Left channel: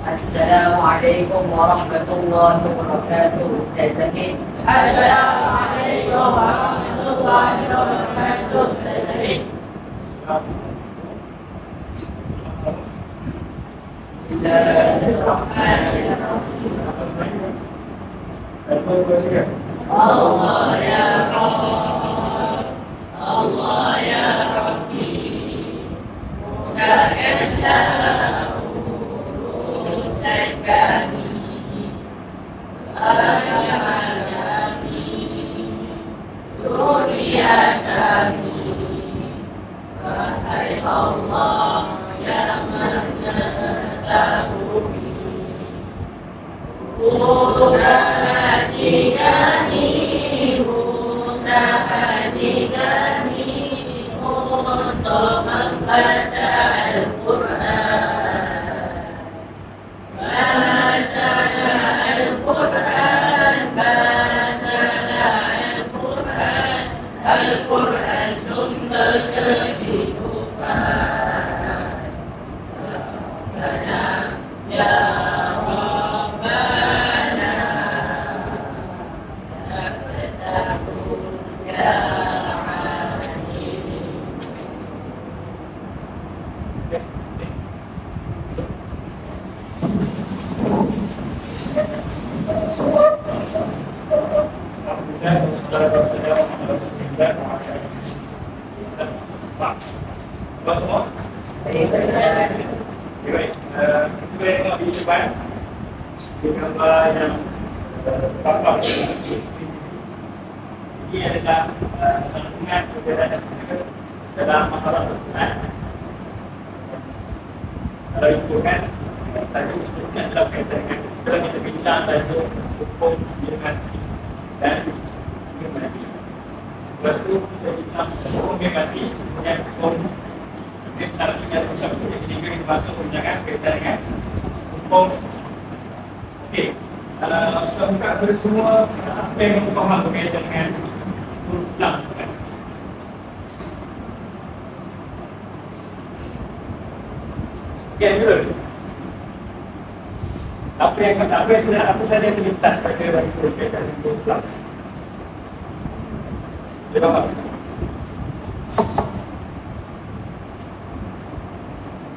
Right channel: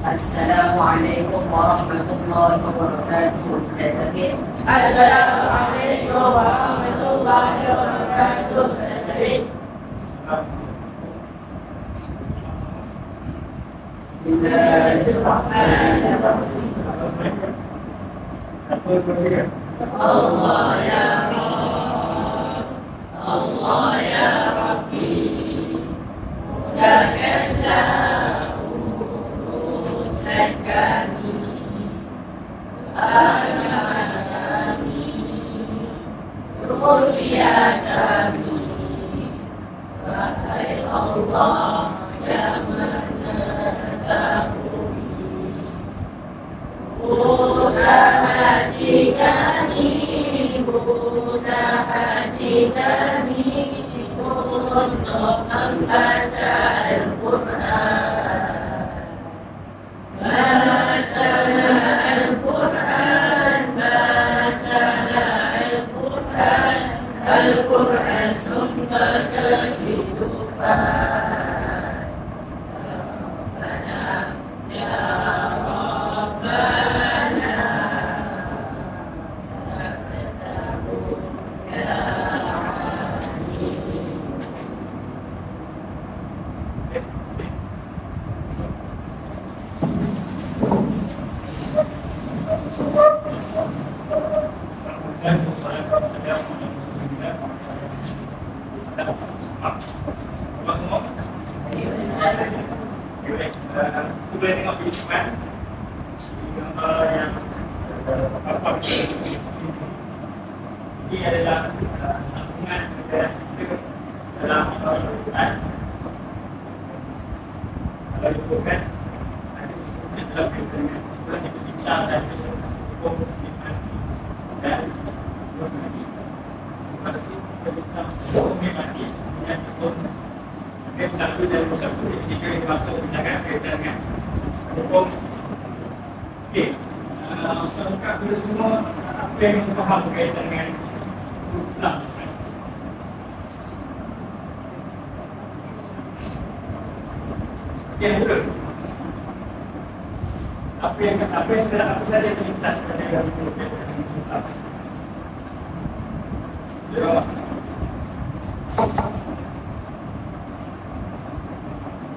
Assalamualaikum warahmatullahi wabarakatuh. Ustaz Zahid. Assalamualaikum warahmatullahi wabarakatuh. Ustaz Zahid. Bismillahirrahmanirrahim. Allah ya Rabb, Allah ya Rabbi, mudahkanlah urusan kami, ayat kami, dunia kami, wahai Allah yang mengetahui. Buka hati kami, buka hati kami untuk membaca Al-Quran. Bacalah Al-Quran, bacalah Al-Quran. Al-Quran sumber kehidupan. Ya Kita tengok di depan gambar yang tampak ini adalah sambungan perjalanan kita dalam masalah Al-Quran. Kalau itu kan tadi ustaznya dalam kaitan dengan setelah kita bincang tadi hukum mati dan mati. Lepas itu kita bincang hukum mati yang hukum satu dan satu tiga ini masuk bincangan kaitan dengan hukum. Okey, saya buka kepada semua apa yang kita faham berkaitan dengan huruf lam. Ya, betul. Apa saja yang kita baca dari huruf lam. Jawab.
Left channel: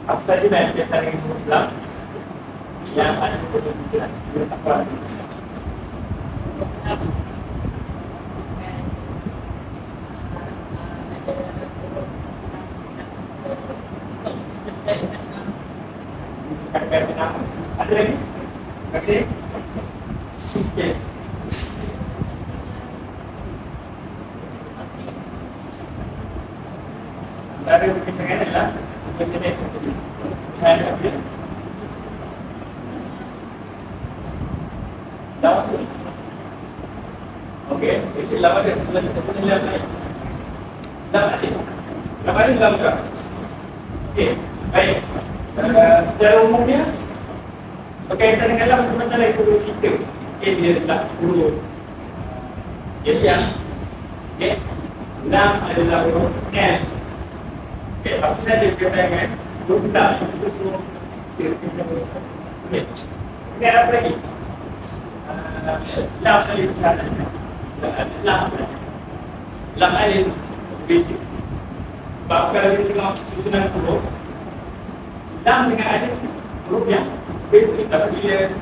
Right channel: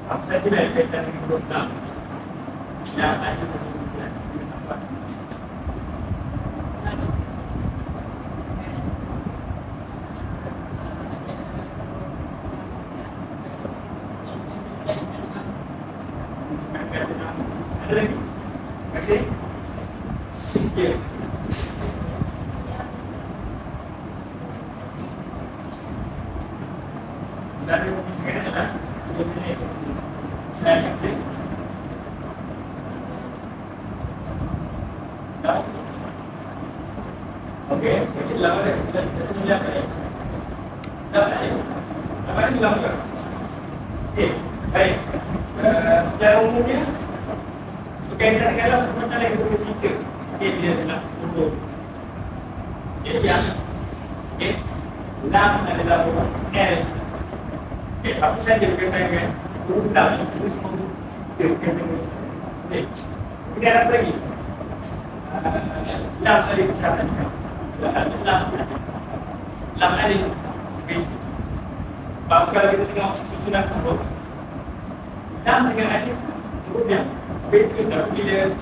Apa saja yang kita dengan huruf lam yang ada kemungkinan apa? Ada lagi? Masih? Okey. Dari pertanyaan adalah jenis seperti saya kata. Okey, jadi lama dah kita lihat ni. Lama ni dalam tak? Okey, baik. Secara umumnya berkaitan dengan lam macam mana itu cerita. Okey, dia letak huruf. Jadi yang lam adalah huruf L. Okey, apa saja berkaitan dengan huruf lam itu semua dia berkaitan dengan huruf. Okey. Ini ada apa lagi? Lam saling bicara. Lam alif basic. Sebab kalau kita tengok susunan huruf, lam dengan alif huruf yang basic. Tapi bila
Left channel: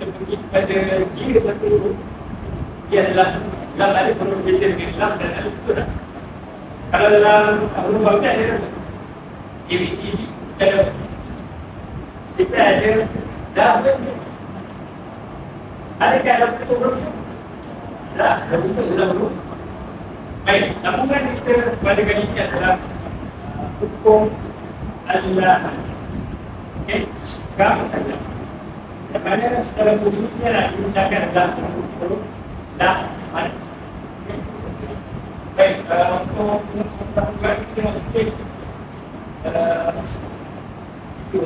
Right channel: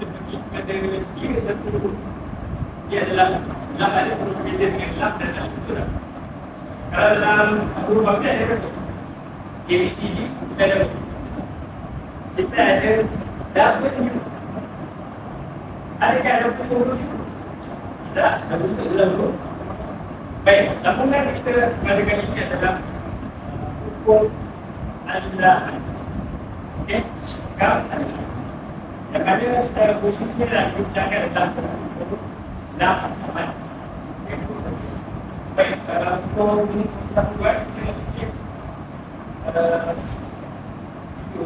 kita pergi pada kira satu huruf, dia adalah lam alif huruf basic dengan lam dan alif, betul tak? Kalau dalam huruf bahagian ada apa? ABCD kita ada double U. Adakah dalam bentuk huruf U? Tak, dalam bentuk huruf. Baik, sambungan kita pada kali ini adalah hukum Allah. Okey, sekarang Allah. Yang mana secara khususnya lagi bercakap tentang huruf lam sama. Baik, untuk kita buat kita nak sikit itu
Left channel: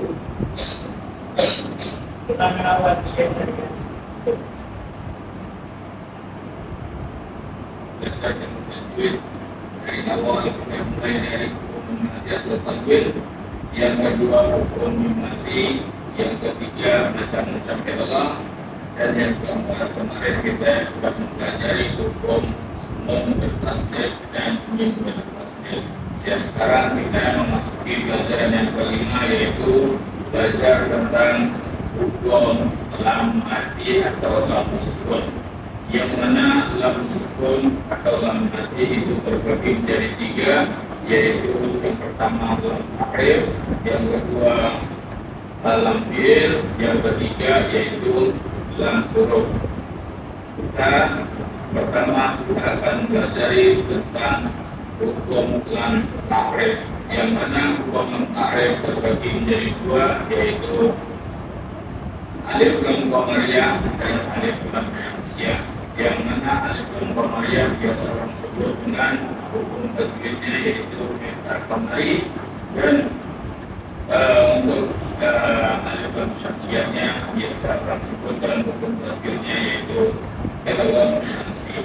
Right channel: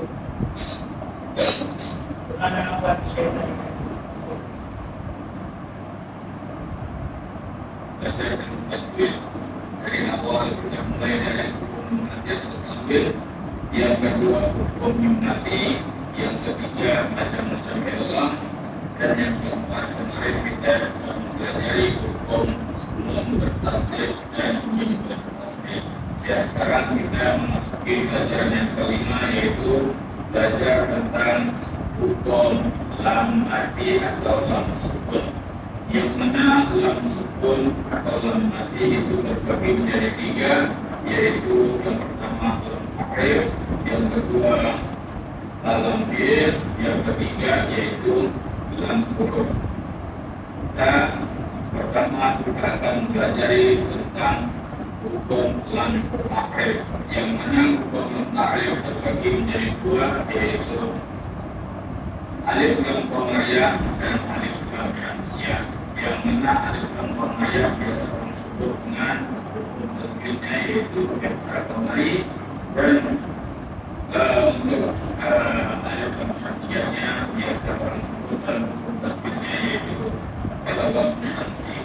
pertanyaan awal sekali. Belajar dengan tajwid dari awal kita mulai dari hukum atau tanwir, yang kedua hukum hipnotis, yang ketiga macam-macam Allah, dan yang keempat kemarin kita sudah mempelajari hukum nun bertasdid dan mim bertasdid. Ya, sekarang kita memasuki pelajaran yang kelima, yaitu belajar tentang hukum lam mati atau lam sukun. Yang mana lam sukun atau lam mati itu terbagi menjadi tiga, yaitu yang pertama lam ta'rif, yang kedua lam fi'il, yang ketiga yaitu lam huruf. Kita pertama kita akan pelajari tentang hukum lam ta'rif, yang mana hukum lam ta'rif terbagi menjadi dua, yaitu alif lam qamariyah dan alif lam syamsiyah. Yang mana alif lam qamariyah biasa orang sebut dengan hukum tajwidnya yaitu meta qamari, dan untuk alif lam syamsiyahnya biasa orang sebut dengan hukum tajwidnya yaitu lam syamsi.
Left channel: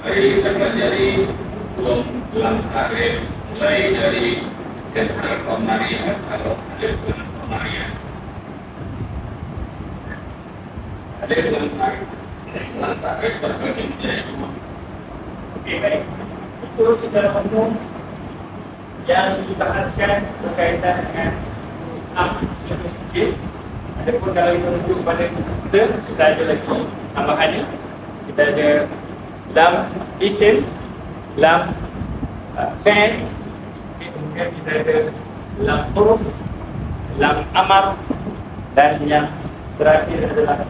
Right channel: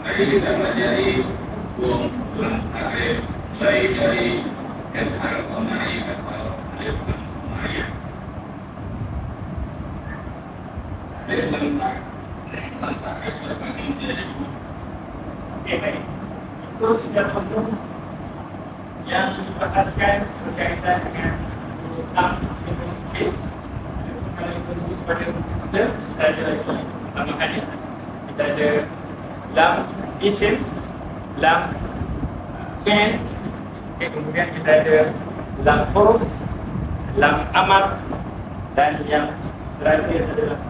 Mari kita pelajari hukum lam ta'rif mulai dari meta qamari atau alif lam qamariyah. Alif lam ta'rif terbagi menjadi dua. Okey, baik. Itu secara umum yang dibahaskan berkaitan dengan lam sikit. Adapun kalau kita rujuk pada kita sudah ada lagi tambahan ni. Kita ada lam isim, lam fi'il, kemudian kita ada lam huruf, lam amar, dan yang terakhir adalah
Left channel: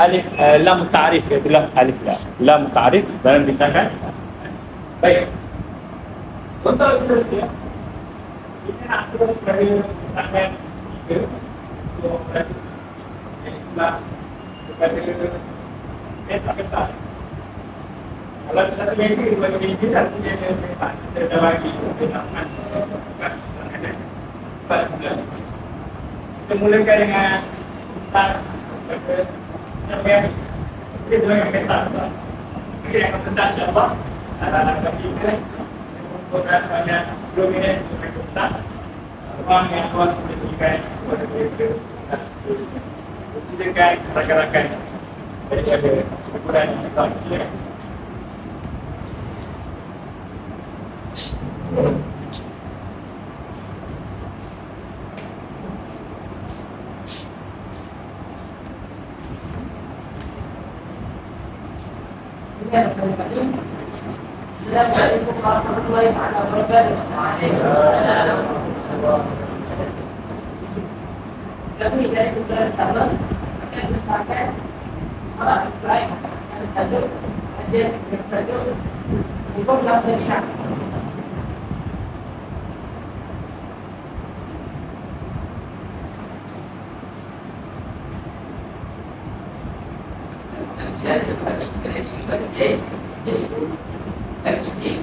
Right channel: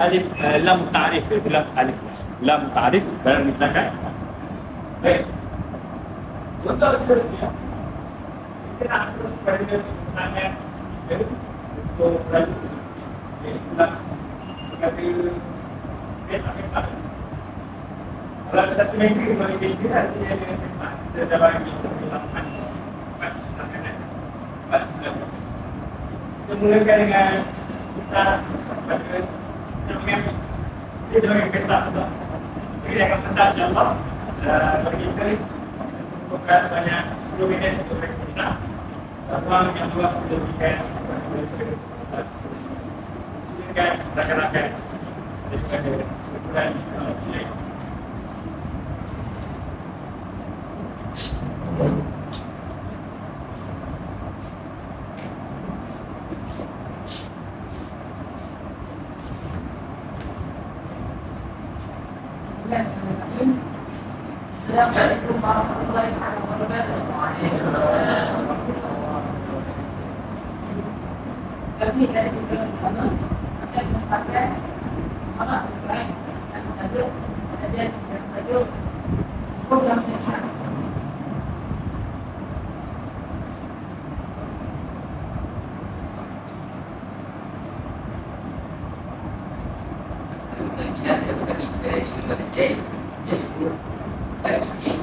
alif lam ta'rif, itulah alif lam ta'rif dalam bincangkan. Baik. Untuk seterusnya kita nak terus pada tangan tiga untuk lanjut. Itulah kepada peta-peta. Kalau satu meja sebagai meja, artinya ada memang kita dah bagi kenaman makanan. Baik, kita mulakan dengan kita pada yang ini sebagai peta. Ini akan peta insyaAllah. Bagi kita membuka sebanyak 10 minit untuk peta. Ruang yang luas kita berikan kepada tulis. Silakan rakan-rakan daripada ukuran kita silakan. Assalamualaikum warahmatullahi wabarakatuh. Waalaikumsalam. Kami dari kumpulan pertama akan menyampaikan alat lain yang tajuk kajian bertajuk hukum lam sakinah. Dan terbagi kepada yaitu lam isim,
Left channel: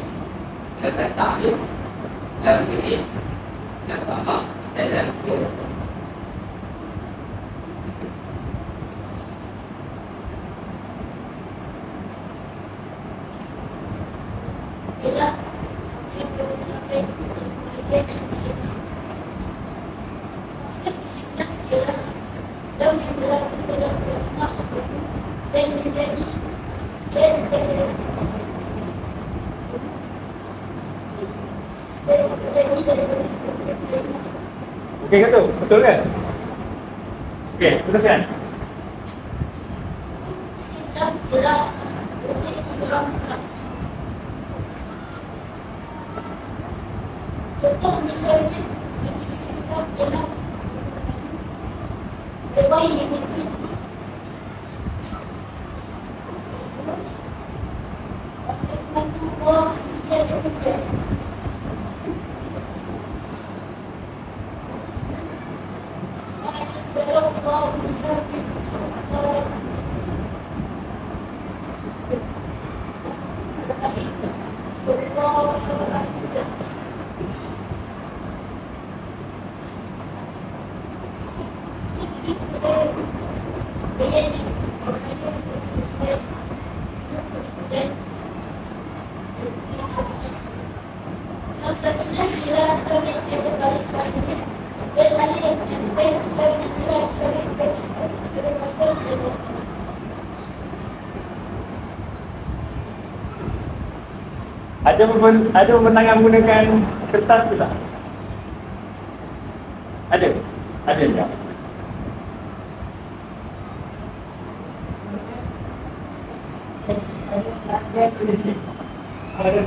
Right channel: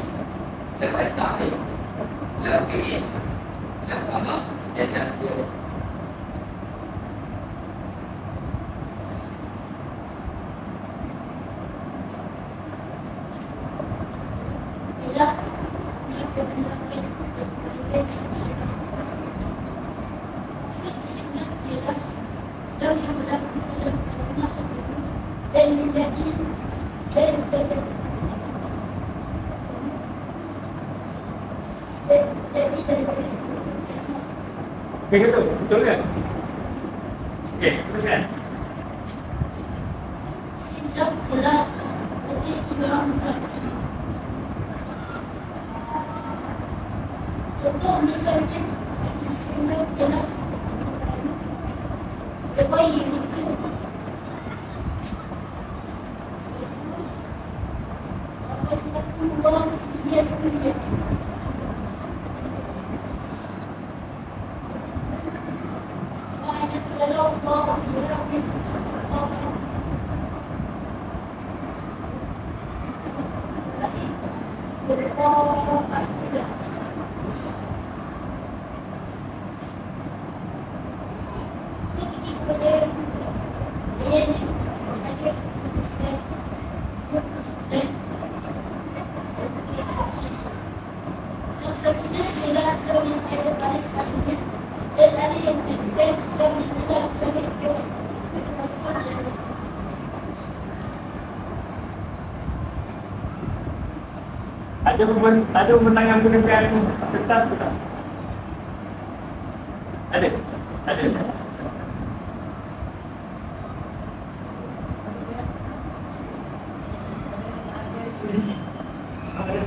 lam ta'rif, lam fi'il, lam amar, dan lam huruf. Ialah yang kebenaran konsep isimnya ialah daun yang berlaku dalam kalimah dan menjadi Okey ke tu? Betul kan? Okey, teruskan. Isim ialah objek dalam contoh misalnya isim ialah terbaik Sakinah ialah ada pemenangan menggunakan kertas tu tak? Ada tak? Sini sini. Ada.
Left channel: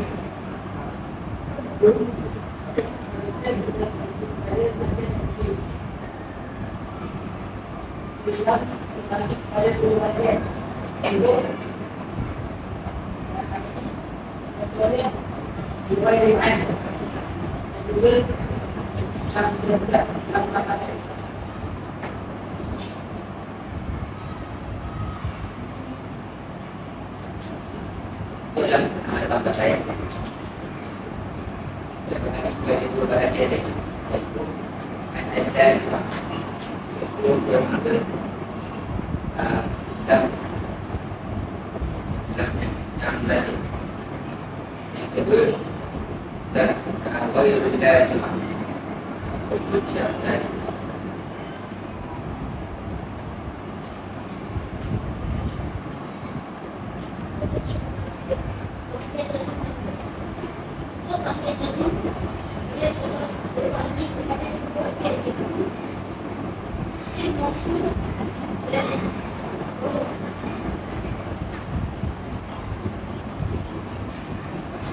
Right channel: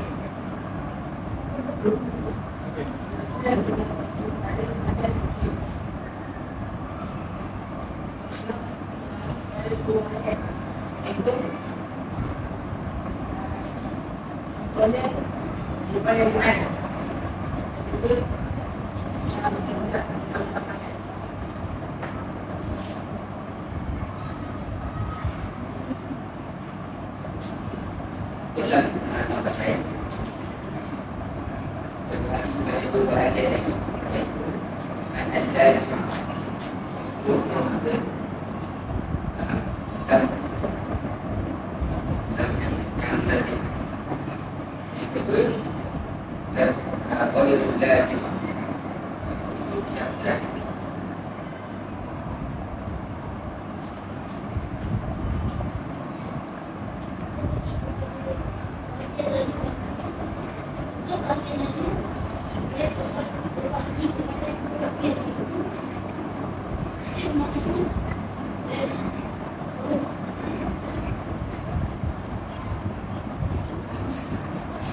Dalam tambah saya itu berada iaitu ada itu yang ada dalam yang tadi yang kedua dan kalau yang dari itu tidak berani.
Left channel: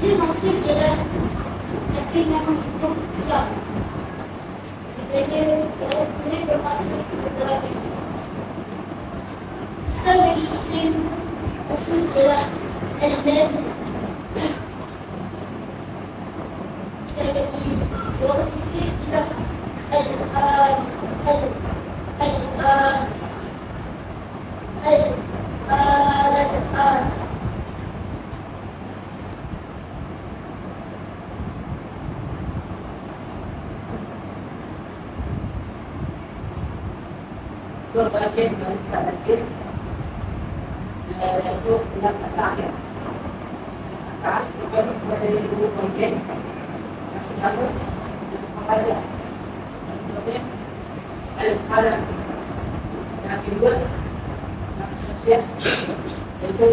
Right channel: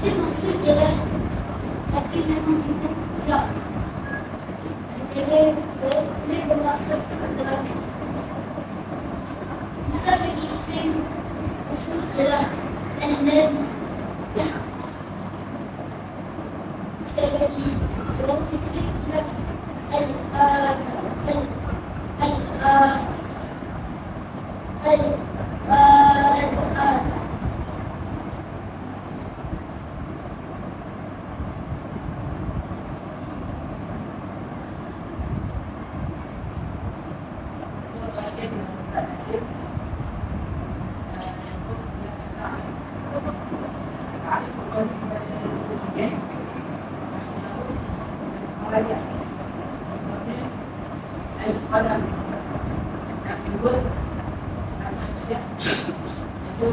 Maksud ialah tapi namun hukum ya. Boleh bermaksud keterangan. Misal lagi isim maksud ialah al-ladhi. Misal lagi jawab fikri ialah al-an. Bagian dari tradisi itu yang terakhir. Kan, bukan dari ibu bagian yang pertama ada kemudian al-qalam yang kedua yang sosial itu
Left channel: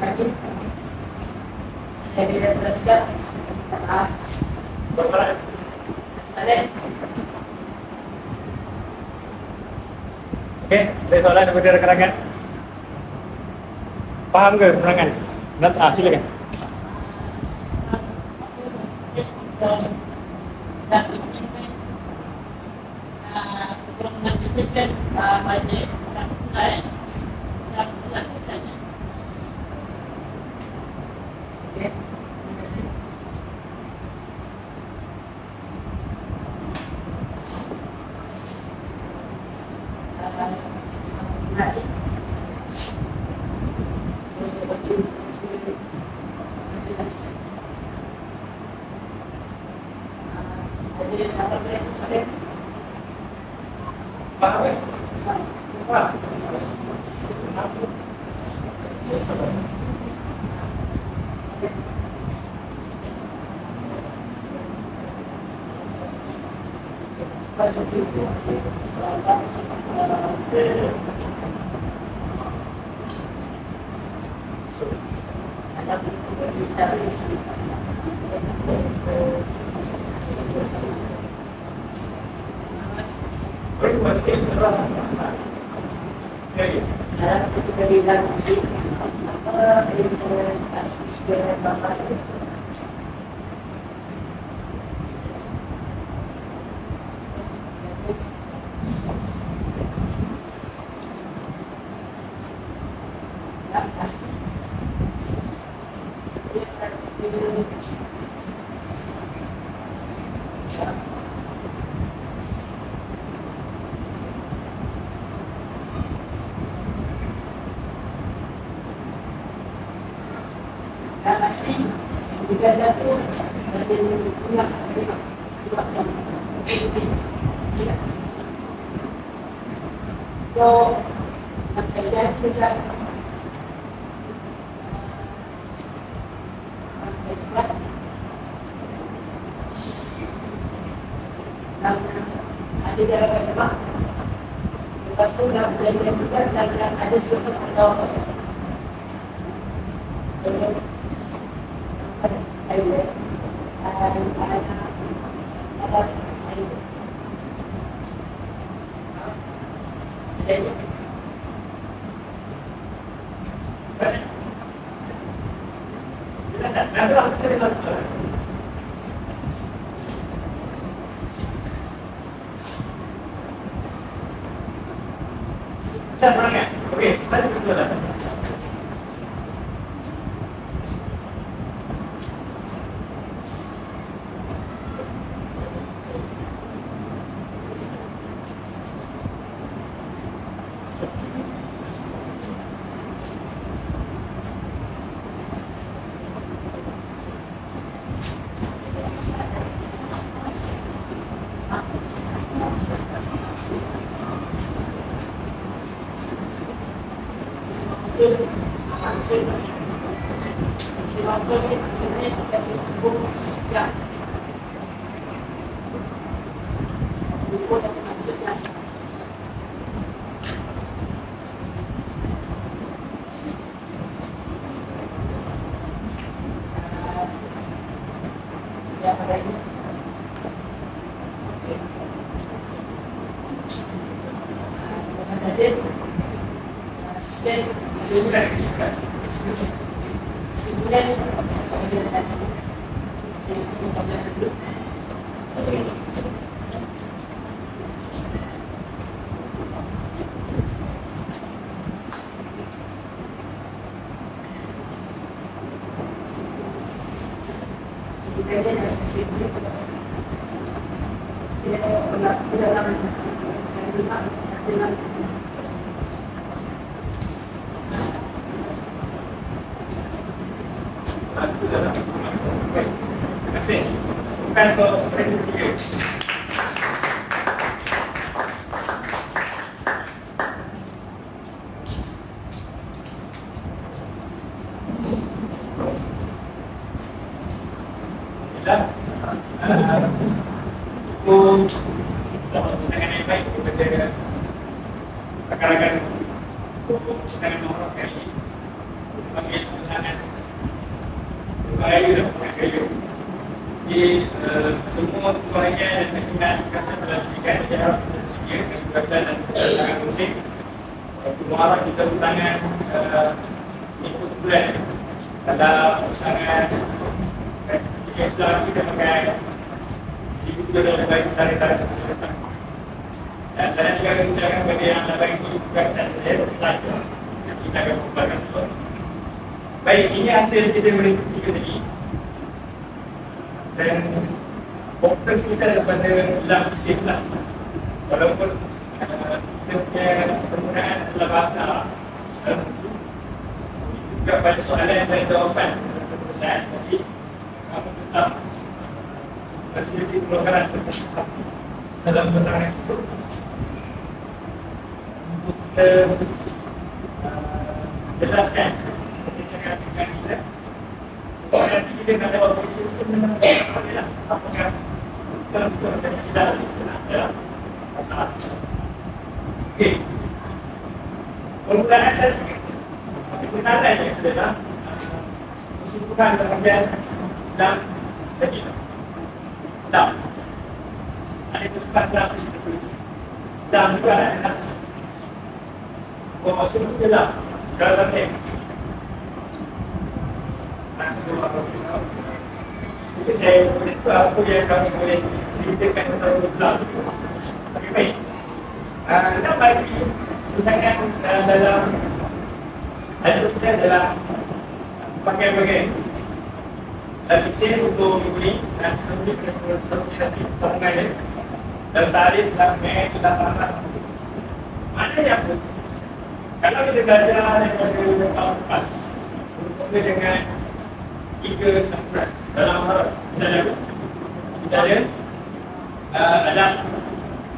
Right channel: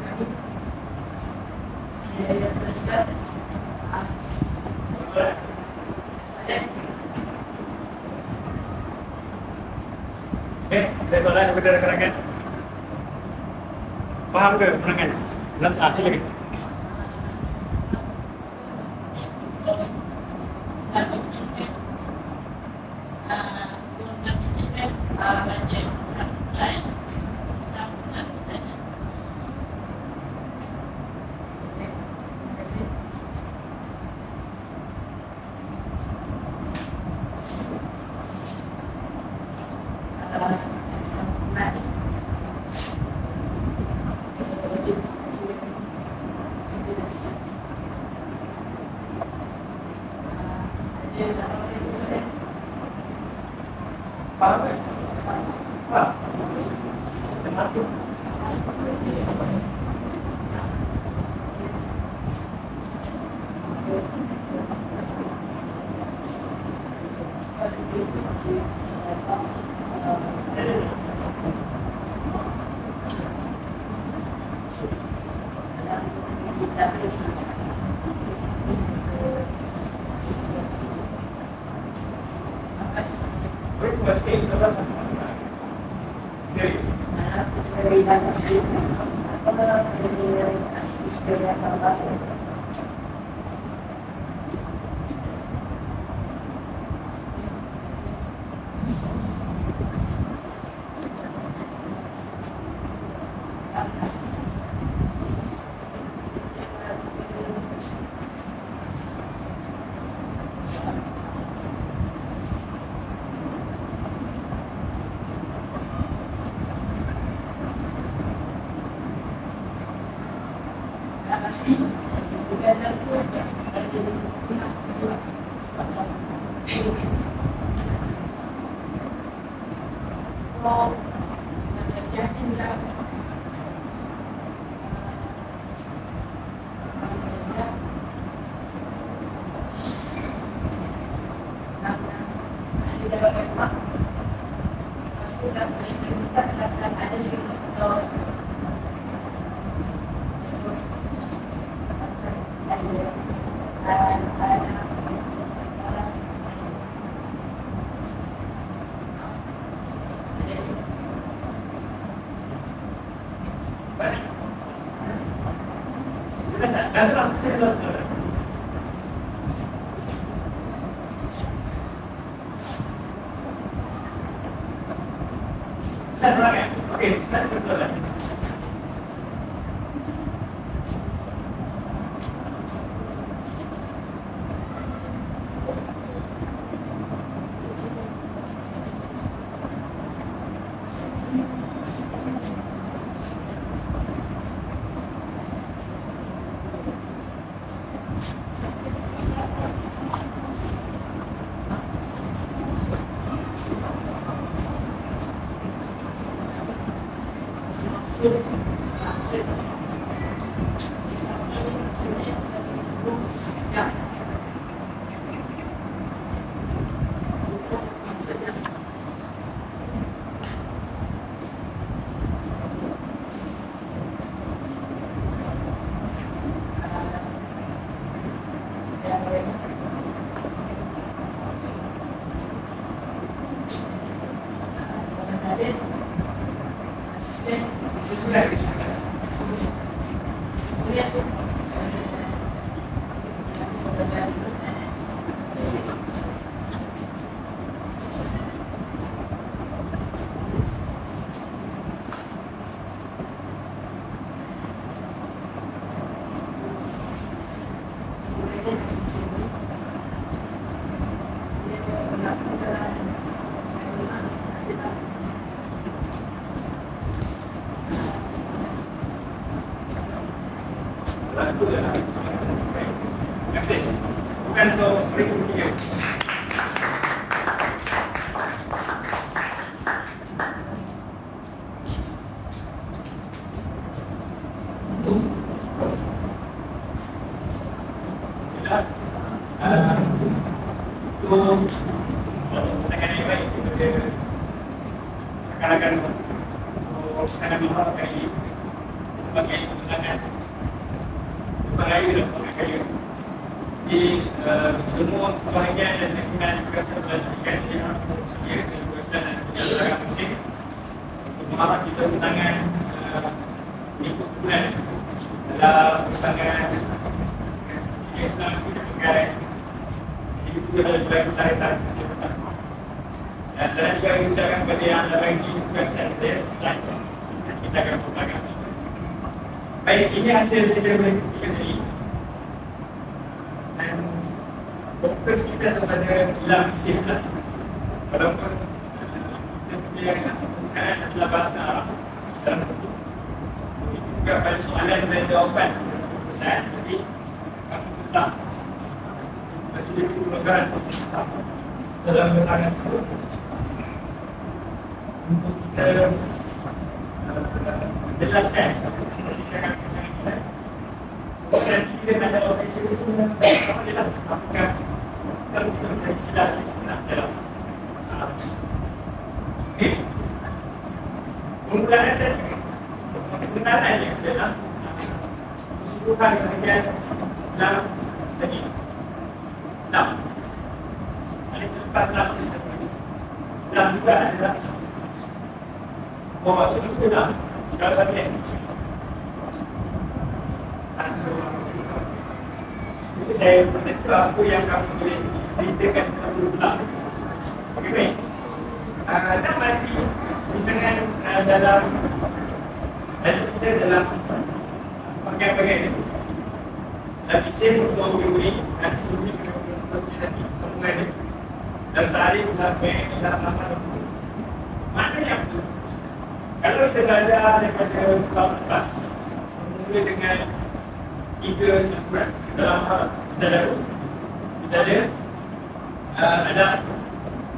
tadi jadi teruskan ada Okey, ada soalan kepada rakan-rakan? Faham ke penerangan? Silakan. Faham ke? Faham? Kenapa? Asli juga ada tu dari rumah sebab sama ini. So macam saya kisah ada jalan mak tu dalam perjanjian juga dan ada serta kawasan. Okey, sebenarnya betul lah. Terima kasih. Bukan untuk mereka bertiga. Dengan yang baik kepada rakan-rakan sekarang menghargai berbagai penerangan berbagai dan berbagai di semua kebahagiaan dan keinginan kekerasan dalam pendidikan dia harus bersedia kebebasan dan kebebasan musik. Muharram kita bertangan ikut bulan dalam pasangan Islam kita pakai itu adalah bagi tarik-tarik masyarakat. Dan saya juga mengucapkan kepada yang bagi tugasan saya setelah kita akan membuatkan itu. Baik, ini hasil kita berikut tadi. Dan fokus kita kepada dalam mesin lah. Walaupun kita punya penggunaan adalah bahasa dalam itu juga banyak soalan dan jawapan untuk pesan. Tapi kamu tetap sedikit pelonggaran dalam keterangan tersebut untuk kita jelaskan perbincangan-perbincangan kita. Kemudian kita nak jawab periksa macam mana apakah betul dari silap dari sebenar dalam masalah. Okey, permulaan dan pengenalannya adalah keseluruhan bahagian dalam segi dam. Ada tempat dalam kita boleh. Dam juga adalah maksud itu dalam sampai. Jadi saya itu apa yang kamu boleh ceritakan tentang dam. Okey, baik. Dam bagi misalkan dalam kita dalam bagian-bagian mesin untuk membeli dan seterusnya nanti sambungan dia dan tarikh dan bank dan aman. Maknanya apa? Kalau kita belajar daripada kelas mula dengan 3 saturan dalam Muharram kita ada adab,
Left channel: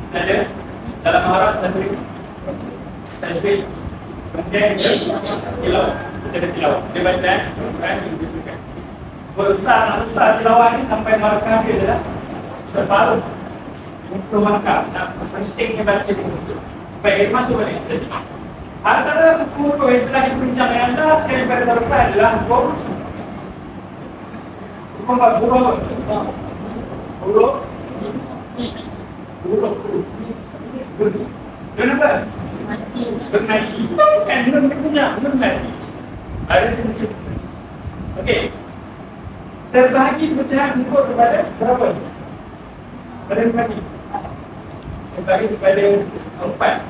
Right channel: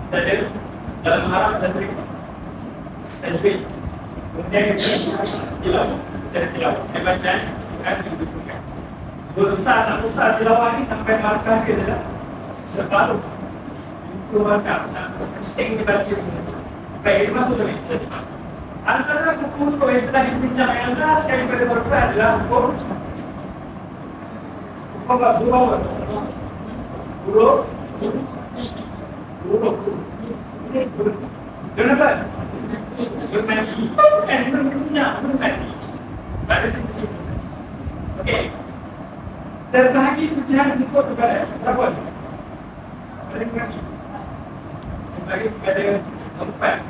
kita ada dalam Muharram satu tajwid, kemudian kita tilawah, kita ada tilawah, dia baca Quran yang dibacakan. Besar tilawah ni sampai markah dia adalah separuh 50 markah. Penting dia baca buku. Baik, masuk balik. Jadi, antara hukum yang telah diperbincangkan antara sekali pada tahun depan adalah hukum apa? Huruf kenapa? Bermati. Bukan belum berbincang, bermati. Ada sini. Okey. Terbahagi pecahan tersebut kepada berapa? Pada bermati. Terbahagi kepada 4.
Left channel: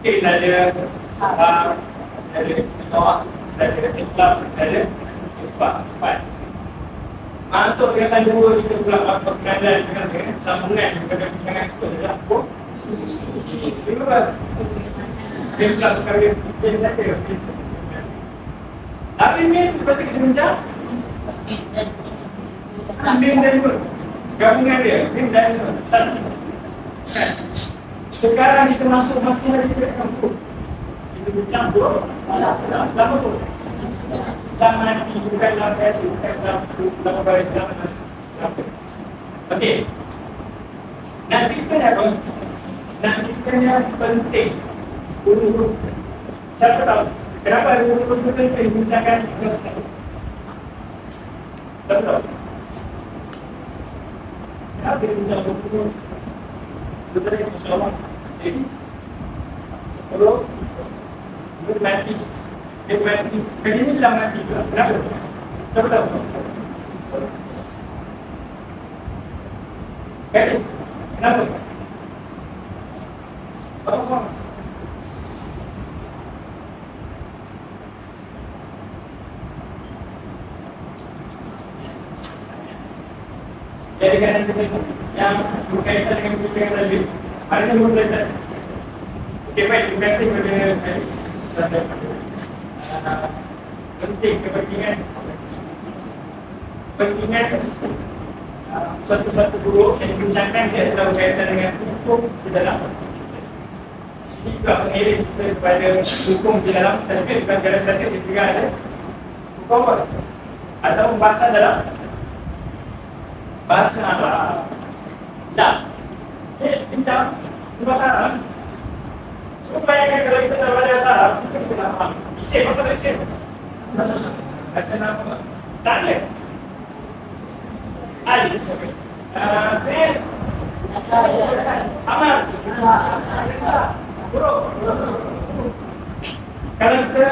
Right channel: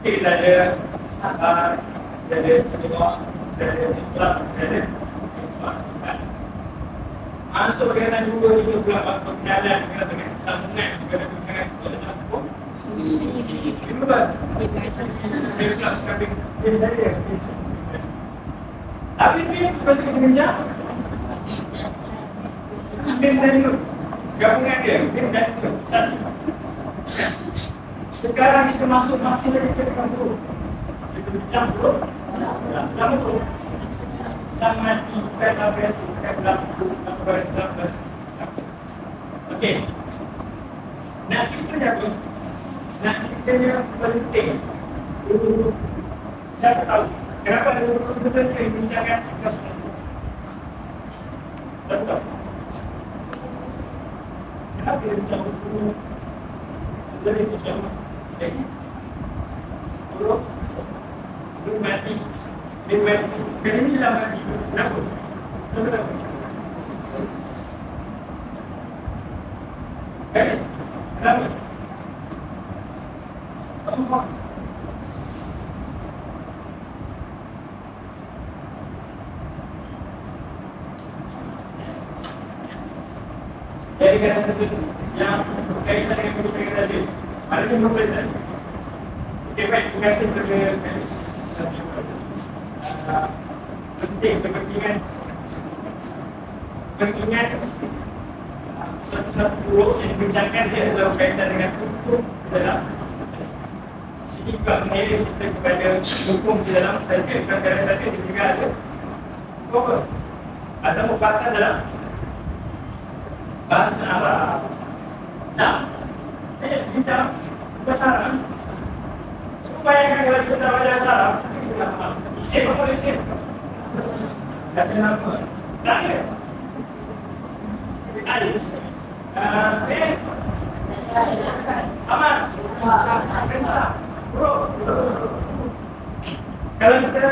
Okey, ada bawah, ada ikhlas, ada 4. Masuk dengan 2 itu pula perkenalan dengan sambungan kepada pecahan tersebut adalah hukum. Berapa? Ikhlas kali ini saja. Tapi ni lepas kita bincang Bim dan Nur gabungan dia, Bim dan Nur satu. Sekarang kita masuk masih ada ke kampung. Kita bincang tu lama tu sedang mati, bukan dalam biasa, bukan dalam baris. Okey, nak ceritanya apa? Nak ceritanya penting untuk siapa tahu kenapa ada hukum penting bincangkan ikhlas tadi? Betul. Kenapa dia bincang hukum? Betul itu insyaAllah. Jadi, huruf mati. Kali ini dah mati juga. Kenapa? Siapa tahu? Garis. Kenapa? Kamu faham? Jadi kerana yang berkaitan dengan buku tadi, ada yang berkaitan. Okey, baik, terima kasih kepada saya. Penting kepentingan satu-satu huruf yang dibincangkan dia adalah berkaitan dengan hukum di dalam. Sini juga mengirim kita kepada hukum di dalam. Tadi bukan kerana saja juga ada hukum atau bahasa dalam bahasa Arab. Dah. Bincang bahasa Arab. Supaya kalau kita tahu bahasa Arab, kita nak faham. Isim atau isim? Kata nama. Tak ada. Alif. Zain. Amal. Huruf. Kalau kita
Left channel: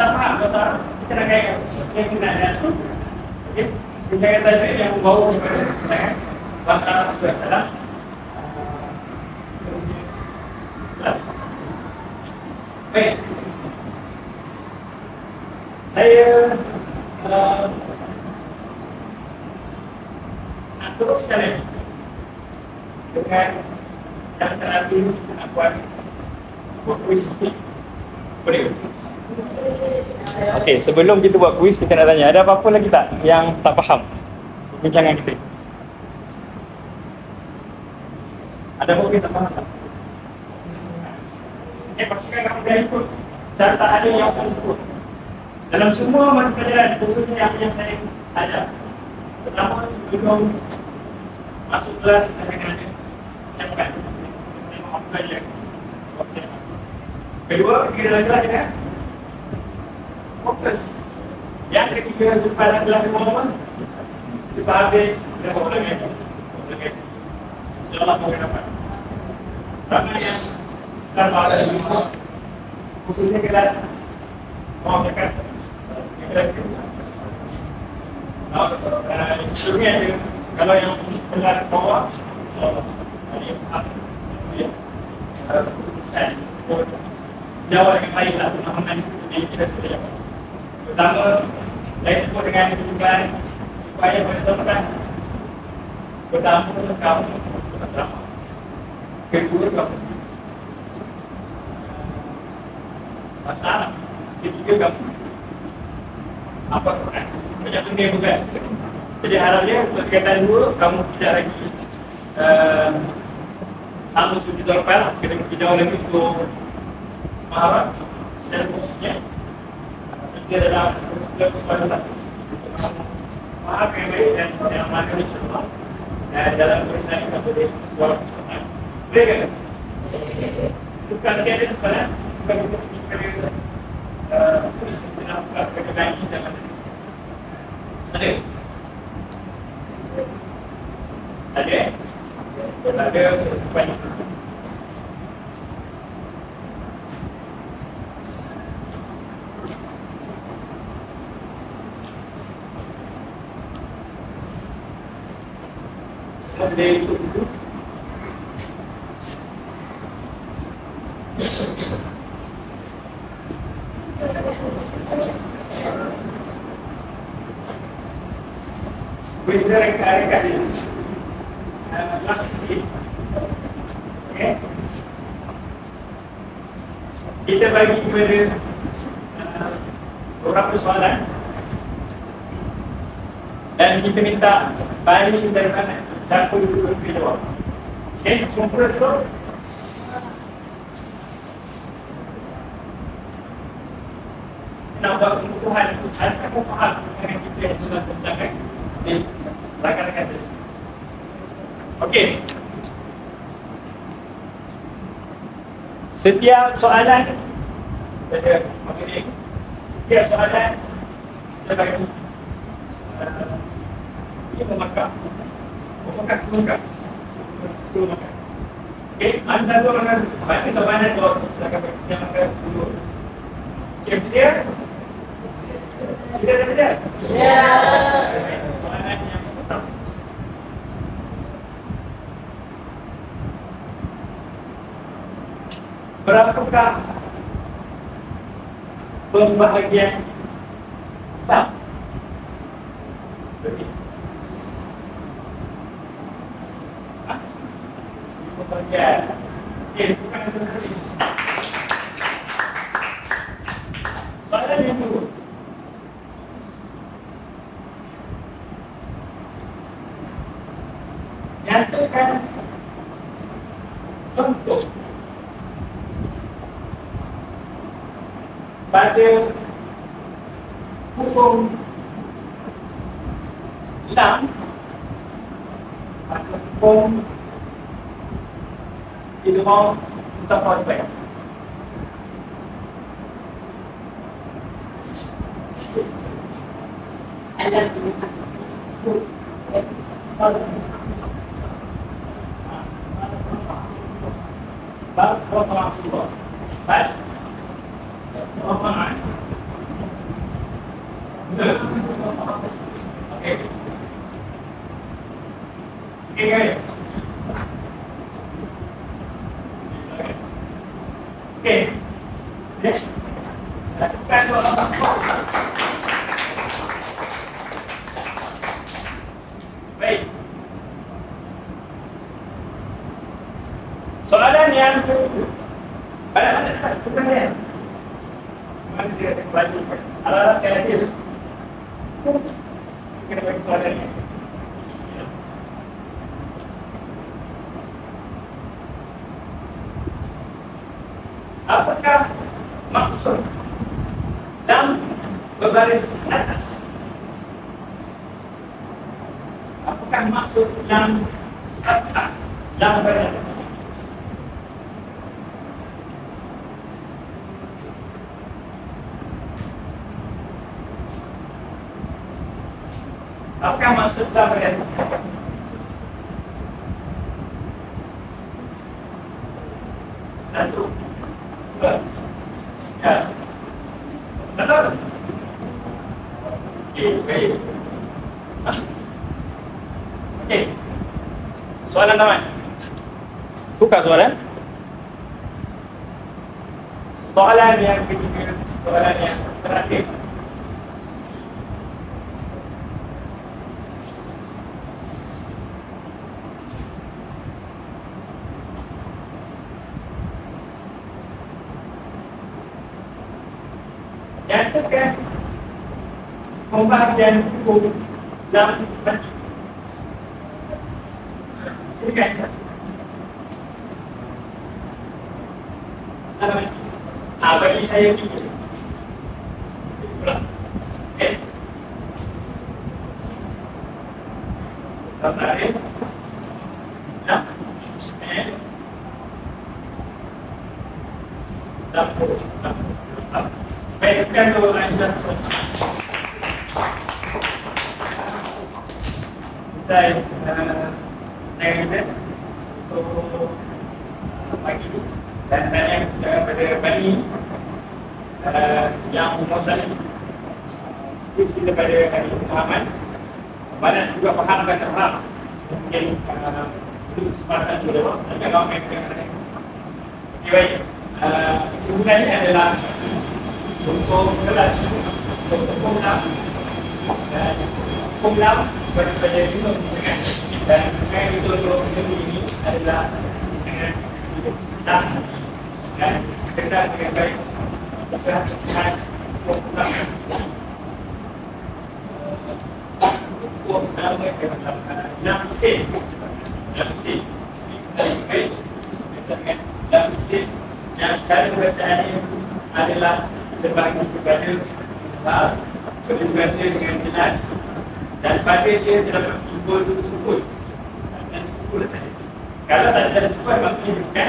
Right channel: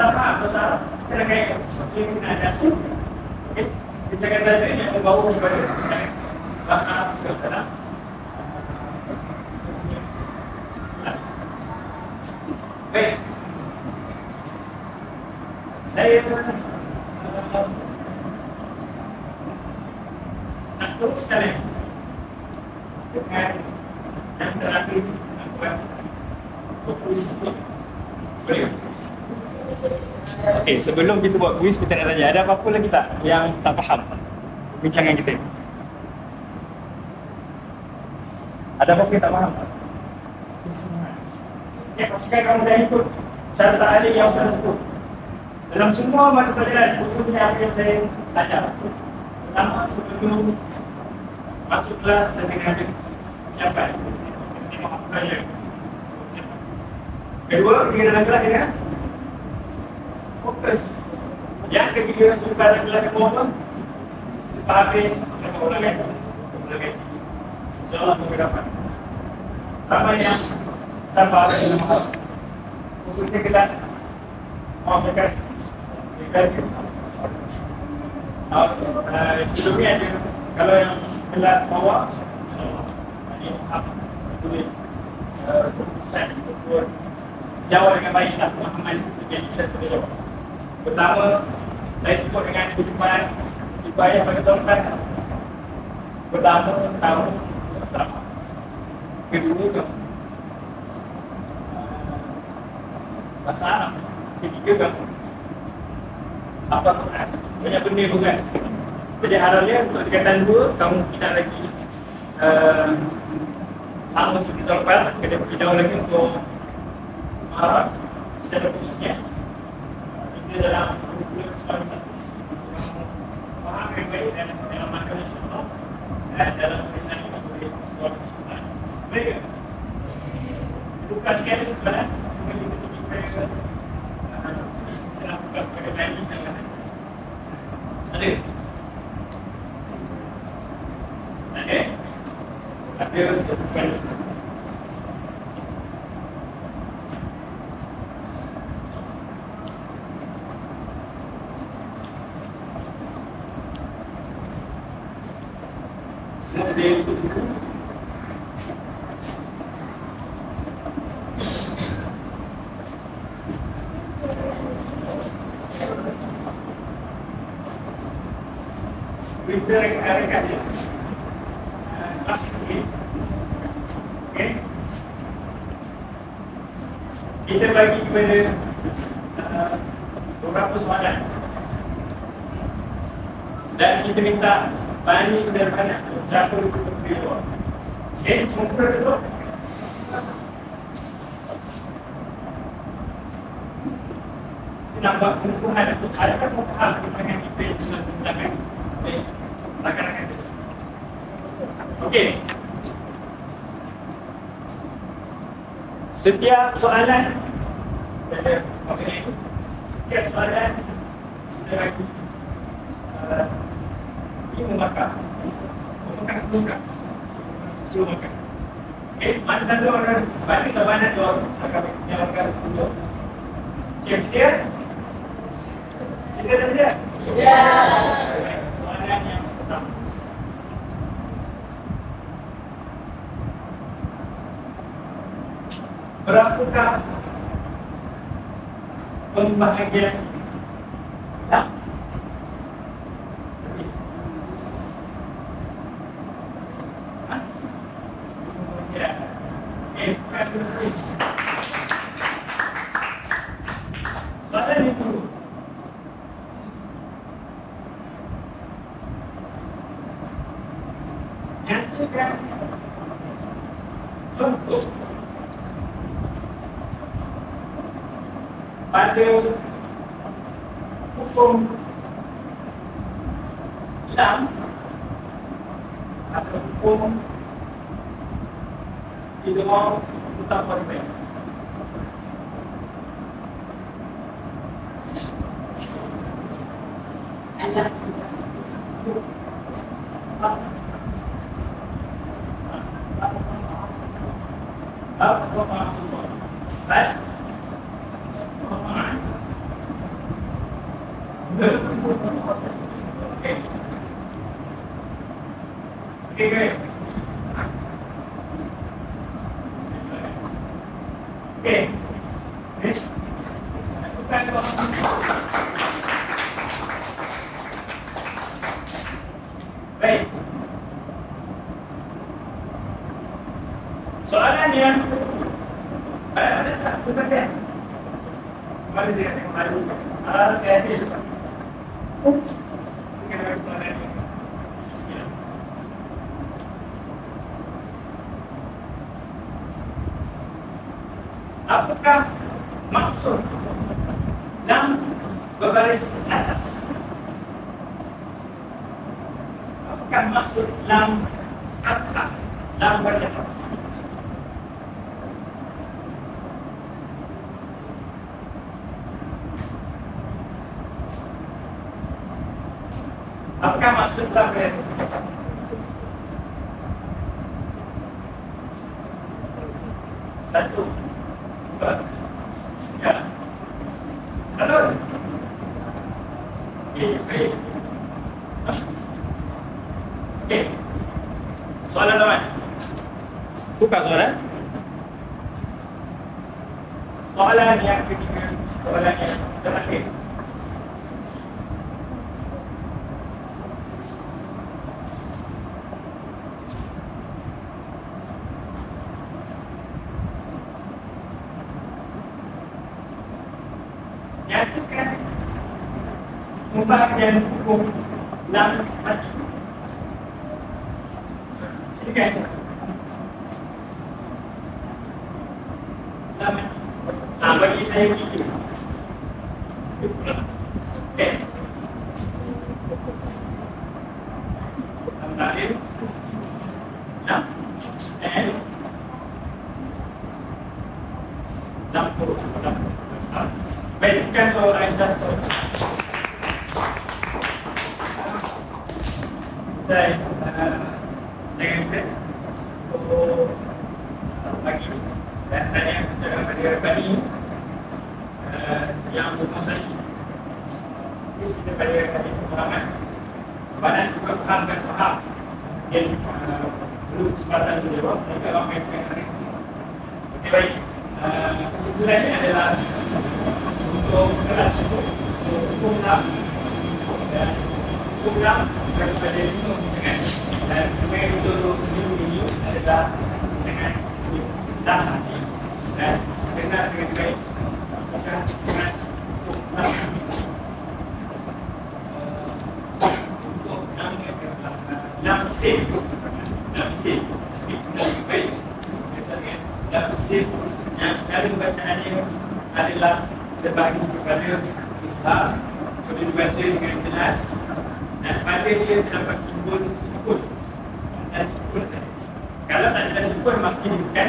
tak faham bahasa Arab, kita nak kaya yang kita ada asal. Okey. Kita kata tadi yang membawa kepada bahasa Arab itu adalah baik. Saya nak terus sekali dengan yang terakhir nak buat kuis ini. Boleh? Okey, sebelum kita buat kuis, kita nak tanya, ada apa-apa lagi tak yang tak faham bincangan kita? Ada apa-apa yang tak faham tak? Pastikan kamu dah ikut cara ta'alim yang saya sebut. Dalam semua mata pelajaran, khususnya apa yang saya ajar. Pertama, sebelum masuk kelas dan kena ada persiapan. Tengok apa saja. Kedua, ketika dalam kelas kena fokus. Yang ketiga, selepas dalam kelas kena momen. Selepas habis, kena buat ulangan. InsyaAllah boleh dapat. Pertama yang tanpa ada di rumah, khususnya kelas mau dekat sebelumnya ada, kalau yang kelas bawah jawab dengan baiklah pemahaman yang kita sudah jawab. Pertama, saya sebut dengan kehidupan ibadah pada tempat. Pertama, kamu bersama. Kedua, kamu bahasa Arab. Ketiga, kamu apa Quran. Banyak benda bukan. Jadi harapnya untuk tingkatan 2, kamu tidak lagi sama seperti tahun lepas. Kena pergi jauh lagi untuk Arab secara khususnya. Kita dalam program sekolah lapis untuk faham yang baik dan amalkan insyaAllah dalam perisahan kita boleh sekolah. Boleh ke? Tukar sikit ada soalan. Tukar kita pergi kepada tulis kita nak buka kepada lain zaman ni. Ada? Ada? Ada sesuatu ni. Semua dia ikut dulu. Kita rekan-rekan ni last sikit. Okay. Kita bagi kepada beberapa soalan dan kita minta bagi daripada siapa dulu berjawab. Okay, cuba dulu. Nak buat pengukuhan untuk adakah kau faham pasangan kita yang dalam perbincangan? Rakan-rakan tu. Okey. Setiap soalan pada apa ni? Setiap soalan kita bagi ini memakan. Suruh makan. Okey, ada satu orang bagi soalan tu silakan bagi yang makan dulu. Okey, siap? Sudah dah tidak? Sudah. Soalan yang pertama. Berapakah pembahagian tak? Berarti pembahagian. Okey, bukan dulu. Soalan yang dulu. Nyatakan contoh pada hukum lam atau hukum idgham mutafarriqain. Bab rafa'atullah. Bab rafa'an. Okey. Okey. Okey. Next. Lakukan doa. Baik. Soalan yang ada tak? Bukan saya. Mari saya kembali. Alat saya ada. Kita bagi soalan ni. Apakah maksud lam berbaris atas? Apakah maksud lam atas? Lam berbaris atas. Apakah maksud lam berbaris atas? Satu, dua, tiga. Betul? Okey, baik. Okey. Soalan tamat. Buka soalan. Soalan yang ketiga, soalan yang terakhir. Nyatakan pembahagian hukum lam mati. Silakan saya. Lam mati. Bagi saya sikit. Okey. Lam mati. Lam. And Baik, tekan dulu Aisyah. Saya dengan kita untuk pagi dan tanya pada pagi yang umur saya kita pada kali pemahaman banyak juga fahamkan Arab mungkin perlu kesempatan dulu tapi ramai sekali. Okey, baik. Kesimpulannya adalah untuk kelas hukum 6 dan hukum 6 daripada minum dengan dan dengan itu ini adalah dengan dah hati dan kenal dengan baik dengan hukum 6 hukum nama adalah 6 isim dengan baik dengan 6 isim yang cara bacaan ini adalah terbagi kepada ishar, boleh dibaca dengan jelas dan pada dia terdapat simbol dan simbol tadi. Kalau tak ada simbol maksudnya bukan.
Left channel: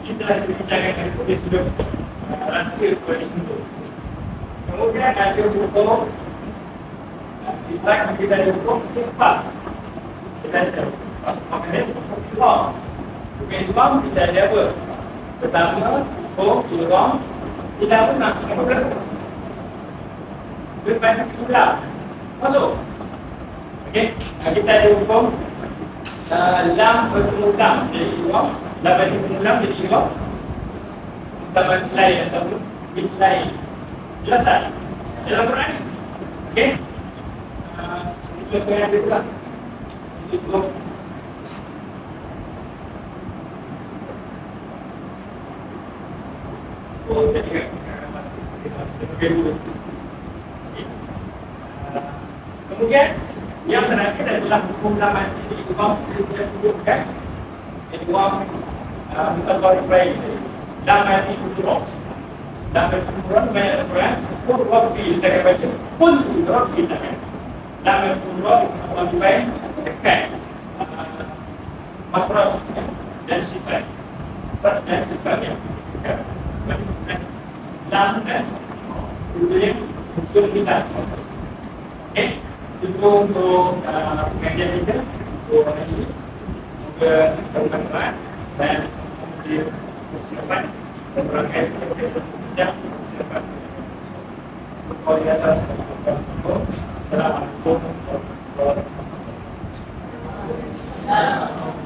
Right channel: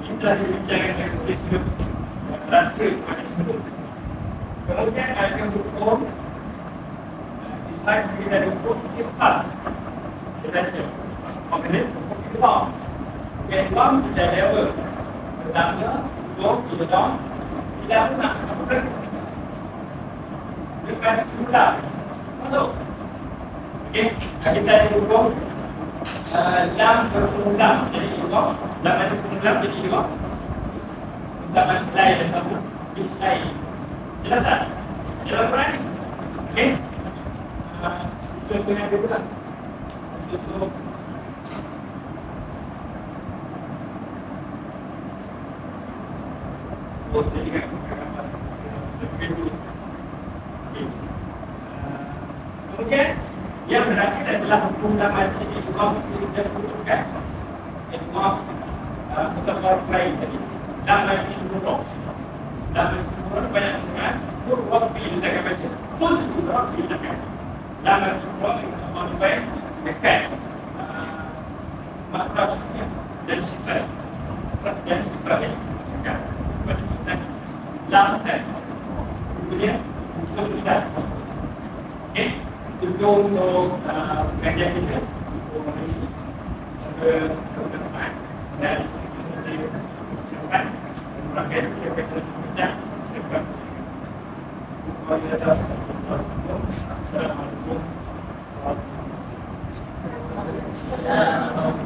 Ini telah dibincangkan oleh sudut rasa kepada simbol. Kemudian ada hukum Islam kita ada hukum ifat. Kita ada hukum ilham. Hukum ilham kita ada apa? Pertama, hukum ilham tidak pun maksudnya bukan berpada ulang masuk. Okey, kita ada hukum lam berulang jadi ilham, lam berulang jadi ilham. Kita maslai ataupun mislai. Jelas tak? Dalam Quran. Okey. Itu yang ada pula. Itu jadi kan kemudian yang terakhir adalah hukum laman jadi uang yang perlukan jadi uang mutafarriqain tadi laman itu box laman Quran banyak Quran pun rabbi kita akan baca pun rabbi kita akan laman Quran Allah baik dekat makhraj dan sifat lam dan kemudian hukum kita. Okey, itu untuk pengajian kita untuk hari ini. Semoga bermanfaat dan menjadi persiapan dan berangkat kita berbincang persiapan kualitas. Assalamualaikum warahmatullahi wabarakatuh.